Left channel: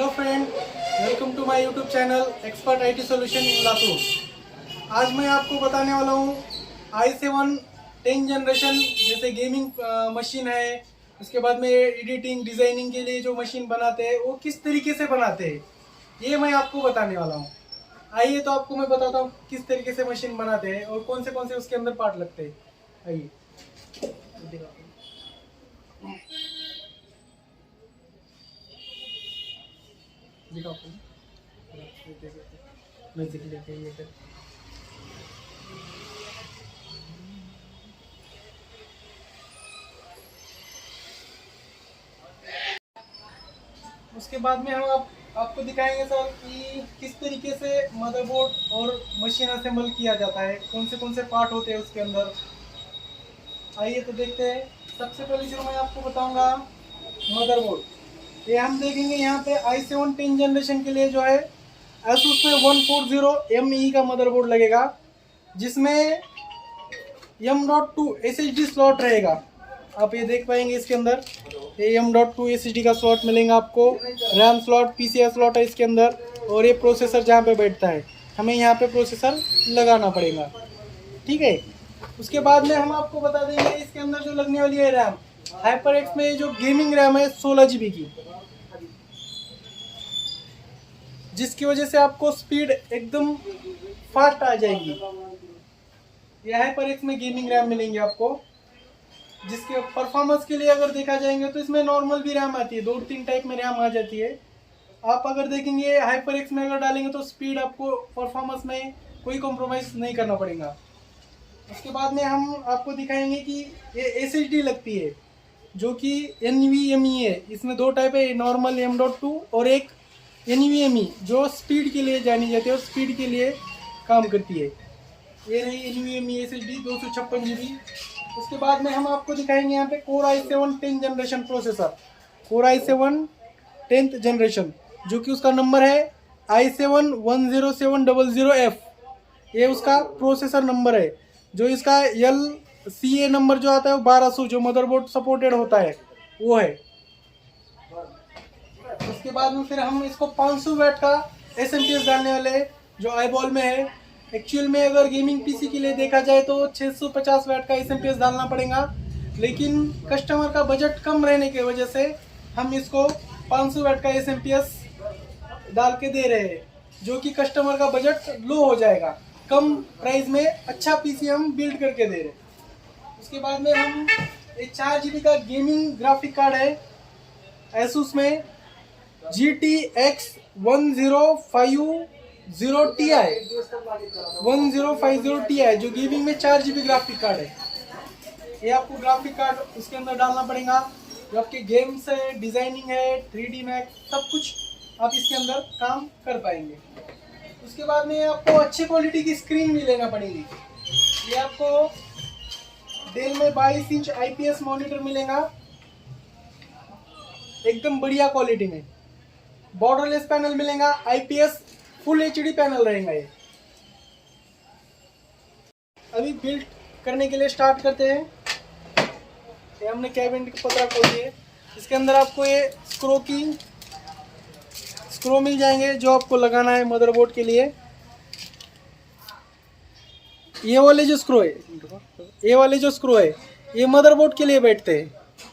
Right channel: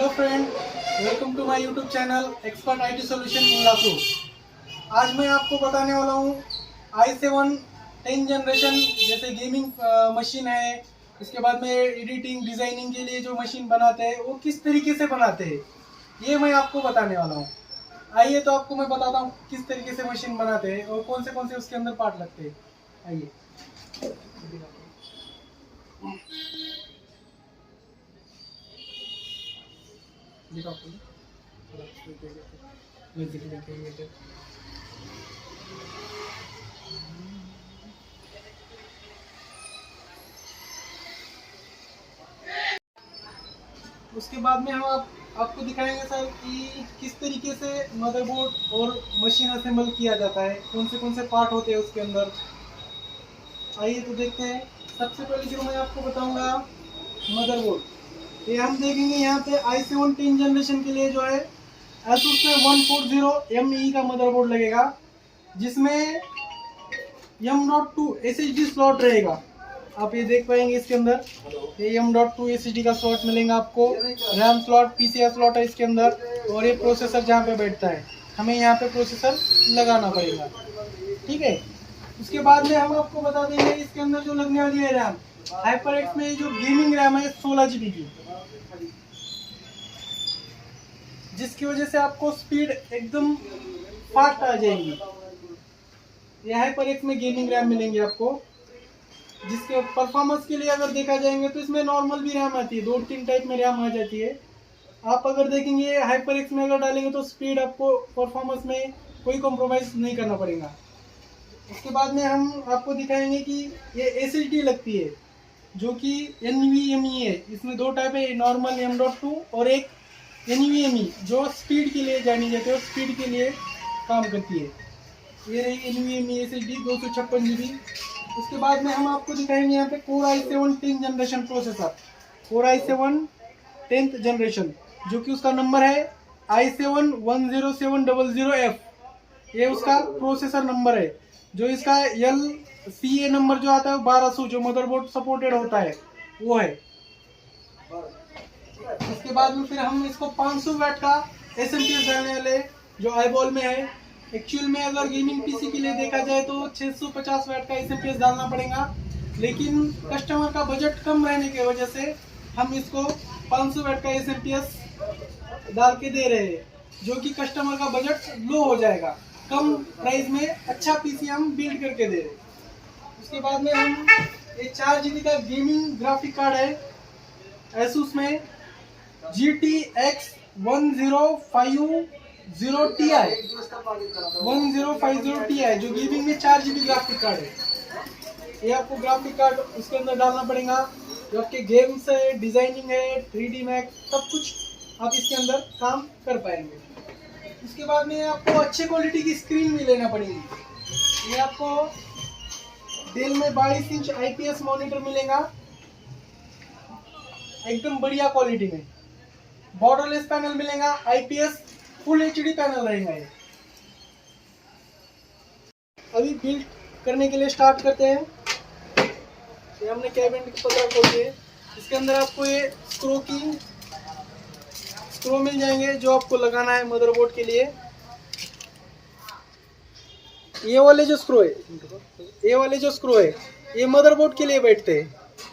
Hello friend, welcome to my YouTube channel Expert IT Solution in Latur. आज मैं आपको बताने वाला हूँ i7 10 जनरेशन जैसे गेमिंग मशीन है, उसके बाद में एडिटिंग डिज़ाइनिंग के लिए जो मशीन बनाते हैं वो किस तरीके से बनाते हैं, ये मैं आपको बताने वाला हूँ। आइए तो आपको मैं बताता हूँ किस तरीके से मशीन बनाते हैं और कौन से उसके अंदर पार्ट लगते हैं। आइए दिखाता हूँ। उसके बाद में हम आपको दिखाएंगे सर कि किस तरीके से मदरबोर्ड और मशीन असेंबल किया जाता है, कौन से पार्ट होते हैं उसके अंदर। आइए तो देखते हैं। सबसे पहले जो मैं आपको बताऊंगा मदरबोर्ड, ये हम देखेंगे यहाँ पे i7 10 जनरेशन के लिए जो है ASUS में 140ME का मदरबोर्ड लगेगा, जिसमें M.2 SSD स्लॉट रहेगा। आप ये देख पाएंगे इसके अंदर ये M.2 SSD का स्लॉट मिलेगा आपको। रैम स्लॉट PCI स्लॉट है इसके अंदर, और ये प्रोसेसर जहाँ पे बैठता है हमें यहाँ पे प्रोसेसर लगाना पड़ेगा, ठीक है। उसके बाद में हम आपको बता देंगे इसके अंदर जो लगने वाली है रैम, HyperX में जो गेमिंग रैम है 16 GB की, जिसकी वजह से आपको स्पीड एकदम फास्ट आ जाएगी। ये HyperX में गेमिंग रैम मिलेंगे आपको, जिसके परफॉर्मेंस के लिए अगर देखा जाएंगे तो इसमें नॉर्मल भी रैम आती है, 2-3 टाइप में रैम आ जाती है। आप अगर देखेंगे HyperX में अगर डालेंगे तो स्पीड आपको परफॉर्मेंस में कोई कॉम्प्रोमाइज़ नहीं करना पड़ेगा। उसके बाद में हम आपको दिखाएंगे कि ये SSD लगती है जो कि NVMe है। इसमें 2 टाइप है, नॉर्मल M.2 और एक NVMe जो स्पीड के लिए जानी जाती है और स्पीड के लिए काम करती है। ये रही NVMe SSD 256 GB। उसके बाद में हम आपको दिखाएंगे यहाँ पे Core i7 10 generation processor, Core i7 10th generation, जो कि उसका नंबर है i7 10700F। ये उसका प्रोसेसर नंबर है। जो इसका LCA नंबर जो आता है वो 1200, जो मदरबोर्ड सपोर्टेड होता है वो है। उसके बाद में फिर हम इसको 500 वाट का SMPS डालने वाले, जो आईबॉल में है। एक्चुअल में अगर गेमिंग पीसी के लिए देखा जाए तो 650 वाट का SMPS डालना पड़ेगा, लेकिन कस्टमर का बजट कम रहने की वजह से हम इसको 500 वाट का SMPS डाल के दे रहे हैं, जो कि कस्टमर का बजट लो हो जाएगा। कम प्राइस में अच्छा पीसी हम बिल्ड करके दे रहे हैं। उसके बाद में हम ये 4 GB का गेमिंग ग्राफिक कार्ड है ASUS में GTX 1050Ti, जो गेमिंग में 4 GB ग्राफिक कार्ड है। ये आपको ग्राफिक कार्ड उसके अंदर डालना पड़ेगा। जो आपके गेम्स है, डिजाइनिंग है, 3D मैक्स, सब कुछ आप इसके अंदर काम कर पाएंगे। उसके बाद में आपको अच्छी क्वालिटी की स्क्रीन भी लेना पड़ेगी। ये आपको डेल में 22 इंच IPS मॉनिटर मिलेगा, एकदम बढ़िया क्वालिटी में। बॉर्डरलेस पैनल मिलेगा, IPS फुल HD पैनल रहेगा। ये अभी बिल्ड करने के लिए स्टार्ट करते हैं। ये हमने कैबिन की पत्रा खोली है। इसके अंदर आपको ये स्क्रू मिल जाएंगे जो आपको लगाना है मदरबोर्ड के लिए। ये वाले जो स्क्रू है ये मदरबोर्ड के लिए बैठते हैं।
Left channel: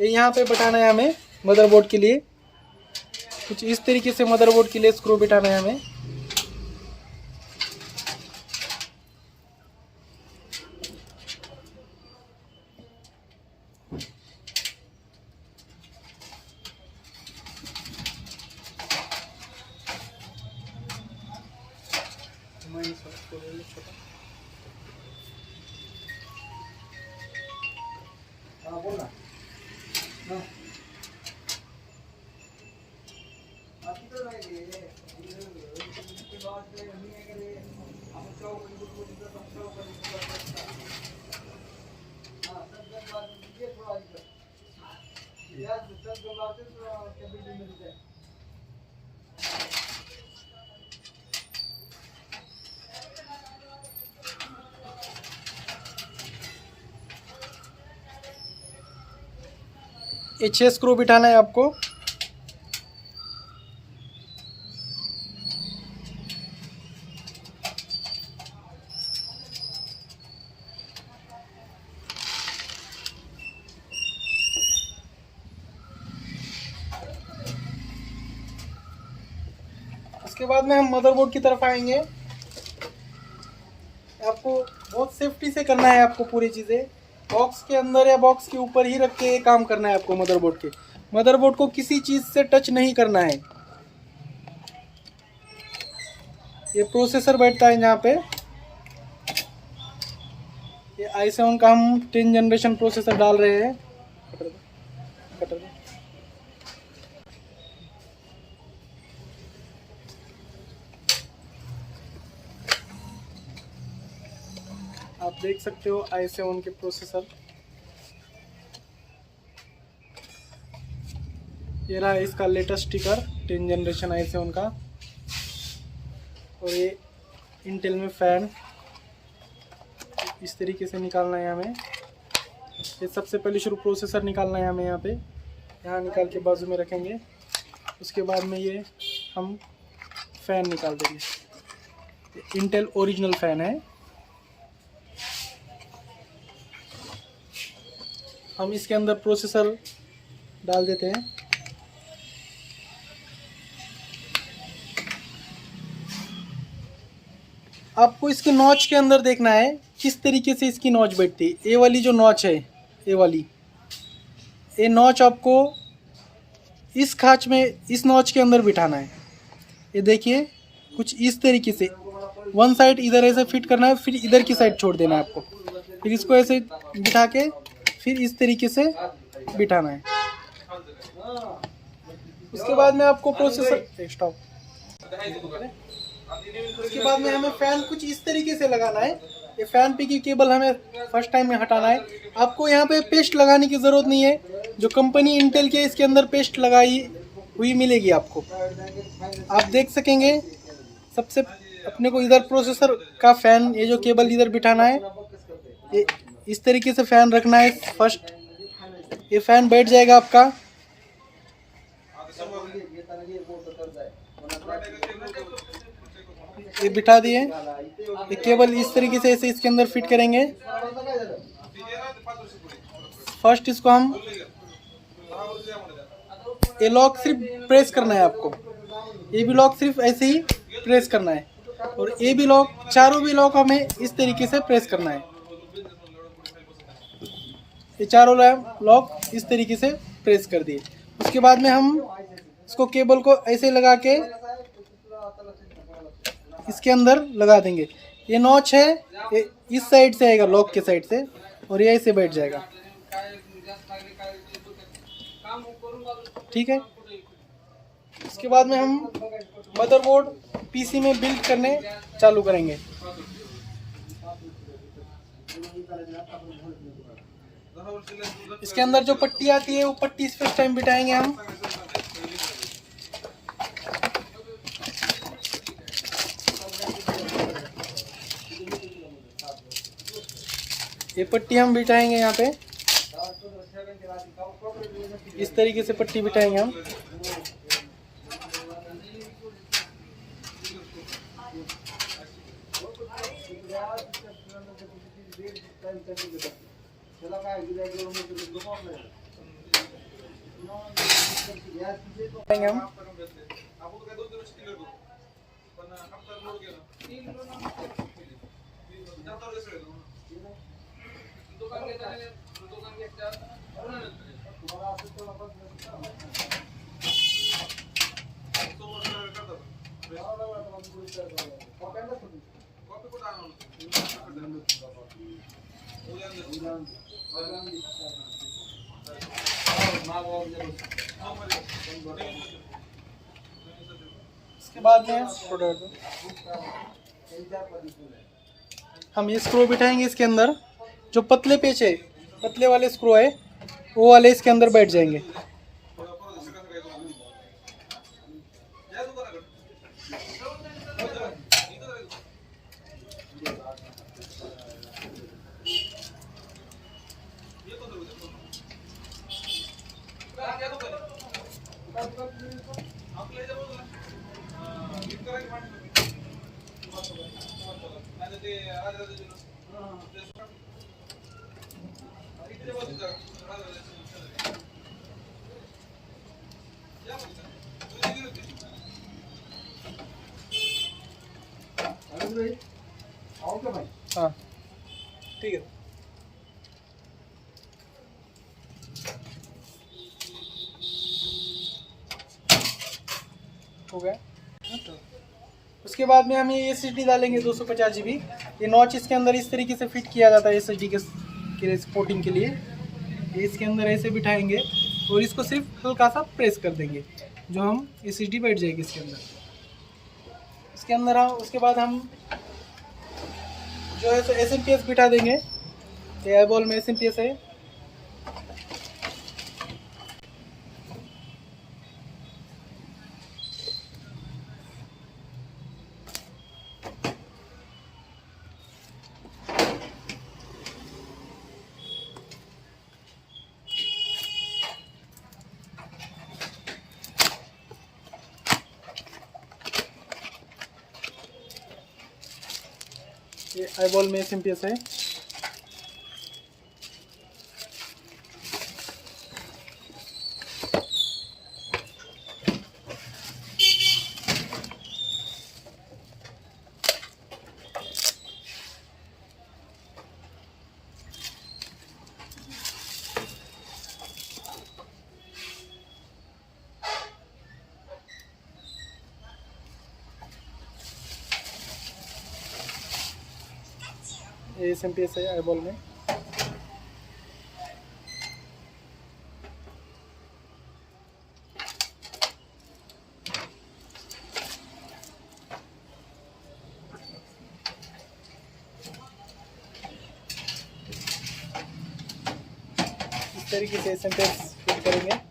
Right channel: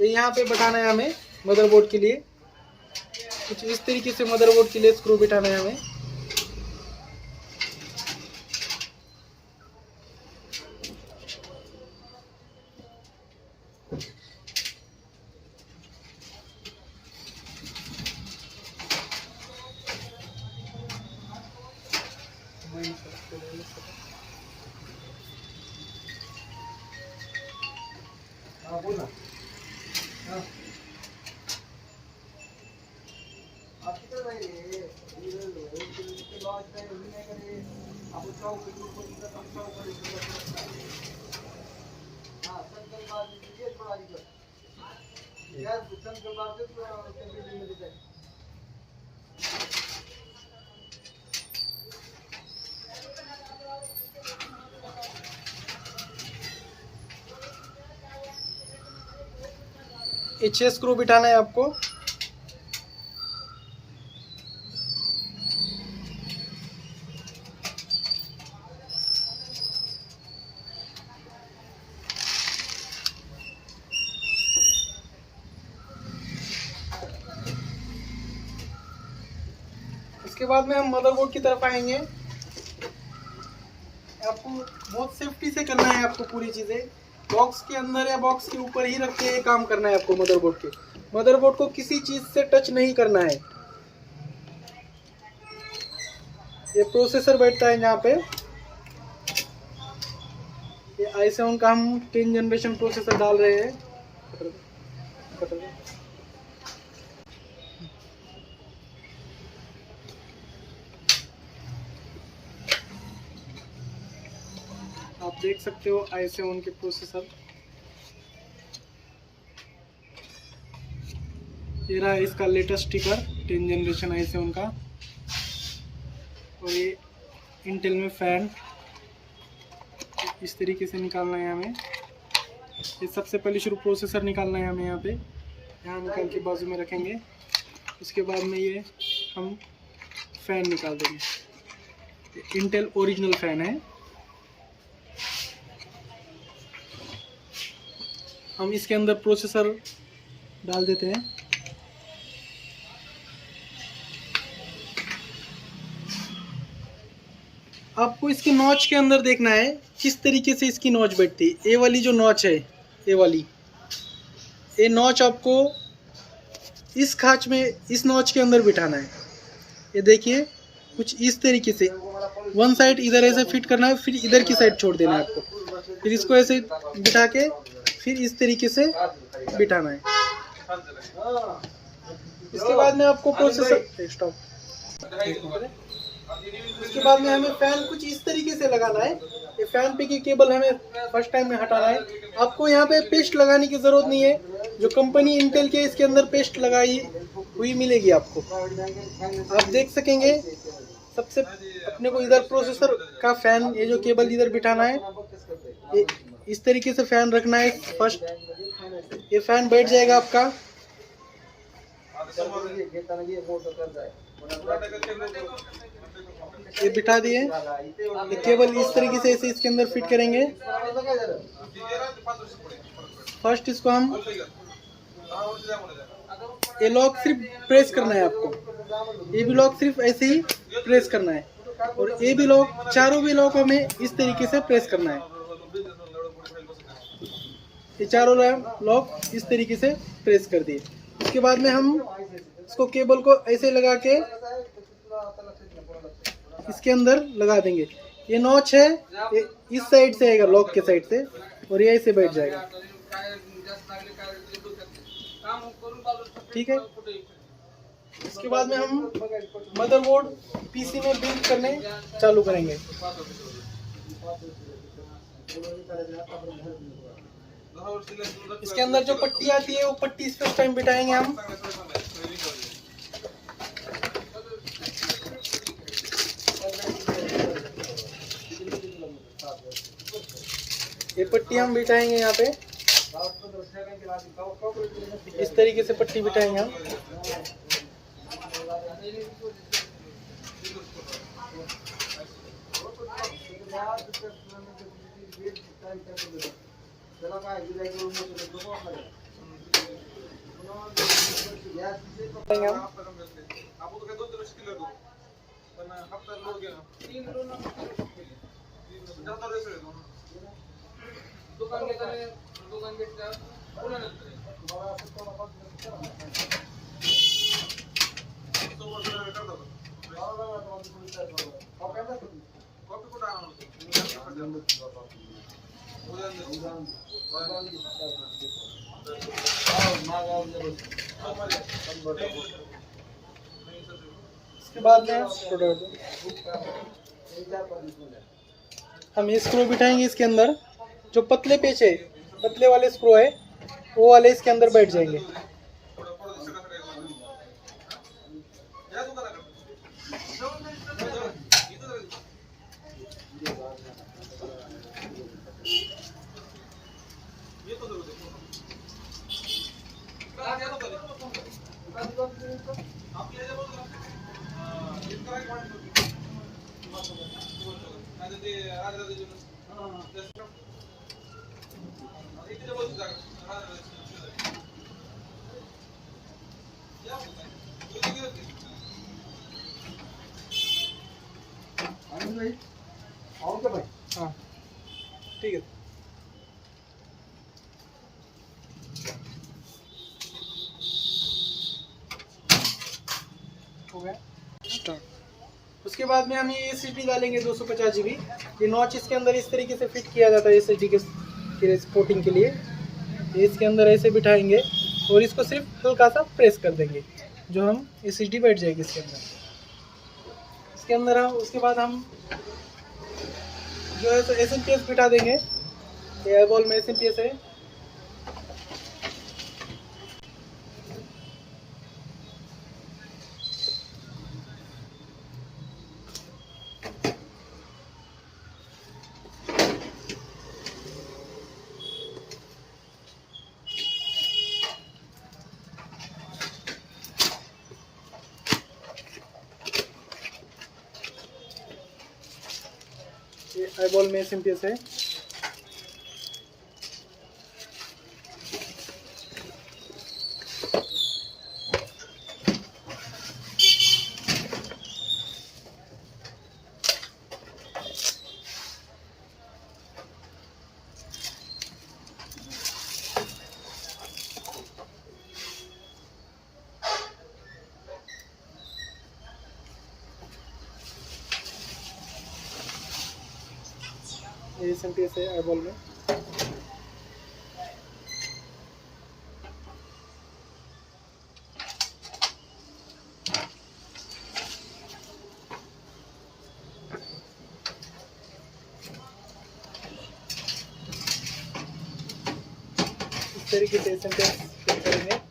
ये यहाँ पे बैठाना है हमें मदरबोर्ड के लिए, कुछ इस तरीके से मदरबोर्ड के लिए स्क्रू बैठाना है हमें। हाँ बोल ना। हाँ ये 6 स्क्रू बिठाना है आपको। उसके बाद में हम मदरबोर्ड की तरफ आएंगे। आपको बहुत सेफ्टी से करना है, आपको पूरी चीज़ें बॉक्स के अंदर या बॉक्स के ऊपर ही रख के काम करना है आपको। मदरबोर्ड को किसी चीज़ से टच नहीं करना है। ये प्रोसेसर बैठता है यहाँ पे। ये i7 का हम 10 जनरेशन प्रोसेसर डाल रहे हैं। आप देख सकते हो i7 के प्रोसेसर। ये रहा इसका लेटेस्ट स्टिकर 10 जनरेशन i7 का। और ये इंटेल में फ़ैन इस तरीके से निकालना है हमें। ये सबसे पहले शुरू प्रोसेसर निकालना है हमें। यहाँ निकाल के बाजू में रखेंगे। उसके बाद में ये हम फ़ैन निकाल देंगे। इंटेल ओरिजिनल फ़ैन है। हम इसके अंदर प्रोसेसर डाल देते हैं। आपको इसके नॉच के अंदर देखना है किस तरीके से इसकी नॉच बैठती है। ये वाली जो नॉच है, ये नॉच आपको इस खांच में, इस नॉच के अंदर बिठाना है। ये देखिए कुछ इस तरीके से वन साइड इधर ऐसे फिट करना है, फिर इधर की साइड छोड़ देना है आपको। फिर इसको ऐसे बिठा के फिर इस तरीके से बिठाना है। इसके बाद में आपको प्रोसेसर उसके बाद में हमें फ़ैन कुछ इस तरीके से लगाना है। ये फ़ैन पे की केबल हमें फर्स्ट टाइम में हटाना है। आपको यहाँ पे पेस्ट लगाने की ज़रूरत नहीं है। जो कंपनी इंटेल के इसके अंदर पेस्ट लगाई हुई मिलेगी आपको। आप देख सकेंगे सबसे अपने को इधर प्रोसेसर का फ़ैन, ये जो केबल इधर बिठाना है, ये इस तरीके से फ़ैन रखना है। फर्स्ट ये फ़ैन बैठ जाएगा आपका। ये बिठा दिए। ये केबल इस तरीके से ऐसे इसके अंदर फिट करेंगे। फर्स्ट इसको हम ये लॉक सिर्फ प्रेस करना है आपको। ये भी लॉक सिर्फ ऐसे ही प्रेस करना है। और ये भी लॉक, चारों भी लॉक हमें इस तरीके से प्रेस करना है। ये चारों लॉक इस तरीके से प्रेस कर दिए। उसके बाद में हम इसको केबल को ऐसे लगा के इसके अंदर लगा देंगे। ये नॉच है, ये इस साइड से आएगा, लॉक के साइड से, और ये ऐसे बैठ जाएगा। ठीक है। इसके बाद में हम मदरबोर्ड पीसी में बिल्ड करने चालू करेंगे। इसके अंदर जो पट्टी आती है वो पट्टी इस टाइम बिठाएंगे हम। ये पट्टी हम बिठाएंगे यहाँ पे। इस तरीके से पट्टी बिठाएंगे हम। इसके बाद में हम ये स्क्रू बिठाएंगे इसके अंदर। जो पतले पेच है, पतले वाले स्क्रू है, वो वाले इसके अंदर बैठ जाएंगे। हाँ ठीक है। हो गया। उसके बाद में हम ये SSD डालेंगे 250 GB। ये नॉच इसके अंदर इस तरीके से फिट किया जाता है SSD के सपोर्टिंग के लिए। ये इसके अंदर ऐसे बिठाएंगे और इसको सिर्फ हल्का सा प्रेस कर देंगे, जो हम SSD बैठ जाएगी इसके अंदर। इसके अंदर हम उसके बाद हम जो है SMPS बिठा देंगे। ये आईबॉल में SMPS है। ये आईबॉल में SMPS है। ये SMPS है आईबॉल में। इस तरीके से SMPS फिट करेंगे।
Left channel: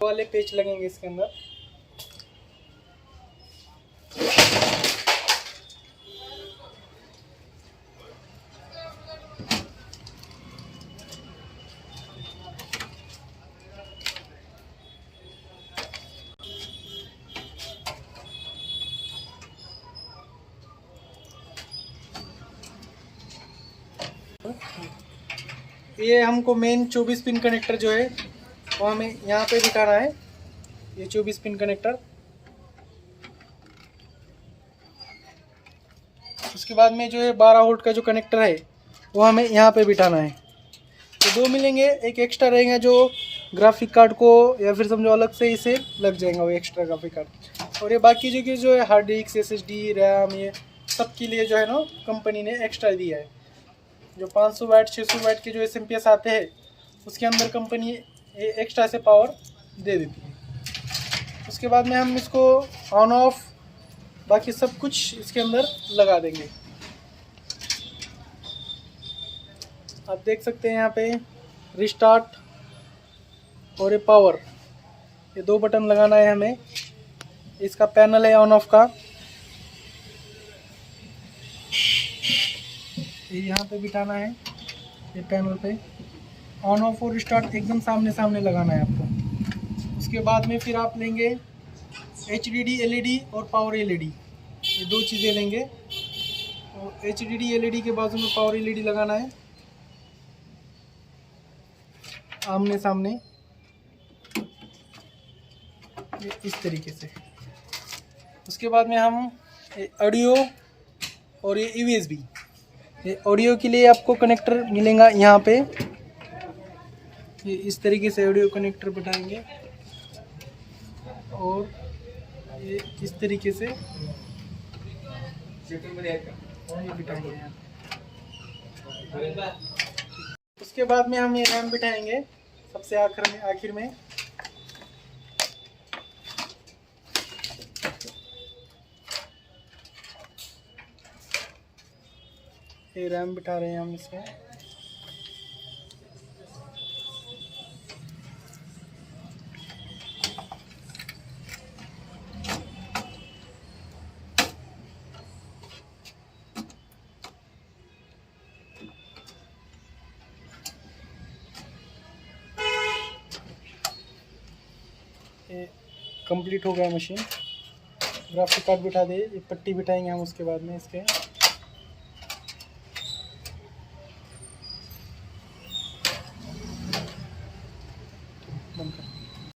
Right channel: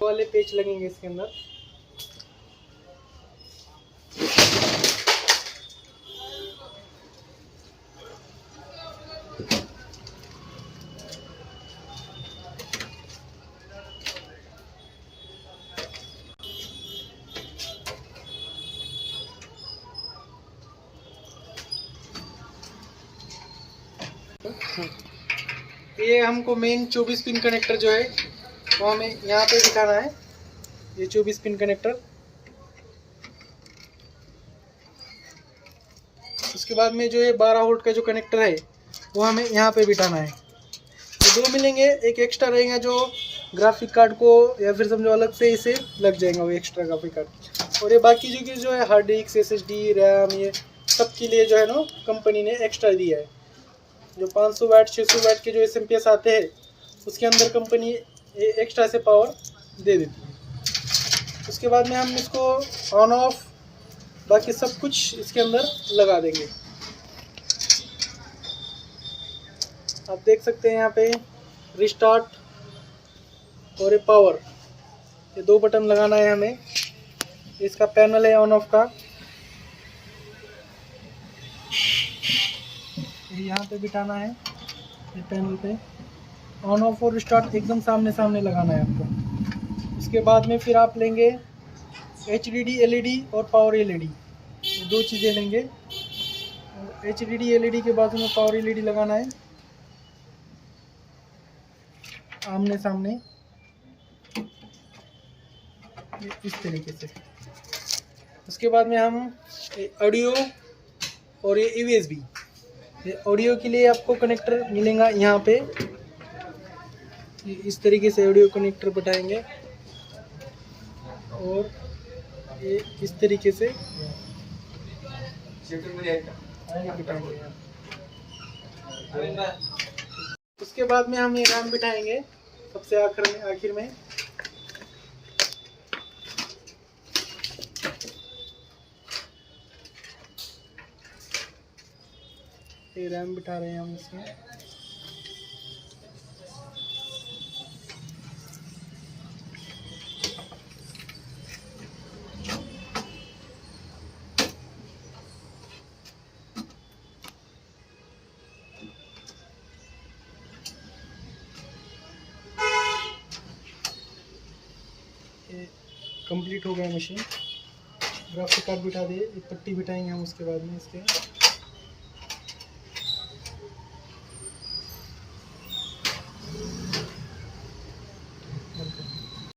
वाले पेच लगेंगे इसके अंदर। ये हमको मेन 24 पिन कनेक्टर जो है वो हमें यहाँ पे दिखाना है। ये 24 पिन कनेक्टर। उसके बाद में जो है 12 वोल्ट का जो कनेक्टर है वो हमें यहाँ पे बिठाना है। तो दो मिलेंगे, एक एक्स्ट्रा रहेगा जो ग्राफिक कार्ड को या फिर समझो अलग से इसे लग जाएंगे वो एक्स्ट्रा ग्राफिक कार्ड। और ये बाकी जो है हार्ड डिस्क, SSD, रैम, ये सब के लिए जो है ना कंपनी ने एक्स्ट्रा दिया है। जो 500 वाट 600 वाट के जो SMPS आते हैं उसके अंदर कंपनी एक्स्ट्रा से पावर दे देती है। उसके बाद में हम इसको ऑन ऑफ बाकी सब कुछ इसके अंदर लगा देंगे। आप देख सकते हैं यहाँ पे रिस्टार्ट और ये पावर, ये दो बटन लगाना है हमें। इसका पैनल है ऑन ऑफ का, ये यहाँ पे बिठाना है। ये पैनल पे ऑन ऑफ और रिस्टार्ट एकदम सामने सामने लगाना है आपको। उसके बाद में फिर आप लेंगे HDD LED और पावर LED, ये दो चीज़ें लेंगे। और HDD LED के बाजू में पावर LED लगाना है आमने सामने, इस तरीके से। उसके बाद में हम ऑडियो और ये USB, ये ऑडियो के लिए आपको कनेक्टर मिलेगा यहाँ पे। ये इस तरीके से ऑडियो कनेक्टर बिठाएंगे और ये इस तरीके से बिठाएंगे। उसके बाद में हम ये रैम बिठाएंगे सबसे आखिर में। ये रैम बिठा रहे हैं हम इसमें। कंप्लीट हो गया मशीन। ग्राफिक कार्ड बिठा दे, एक पट्टी बिठाएंगे हम उसके बाद में इसके।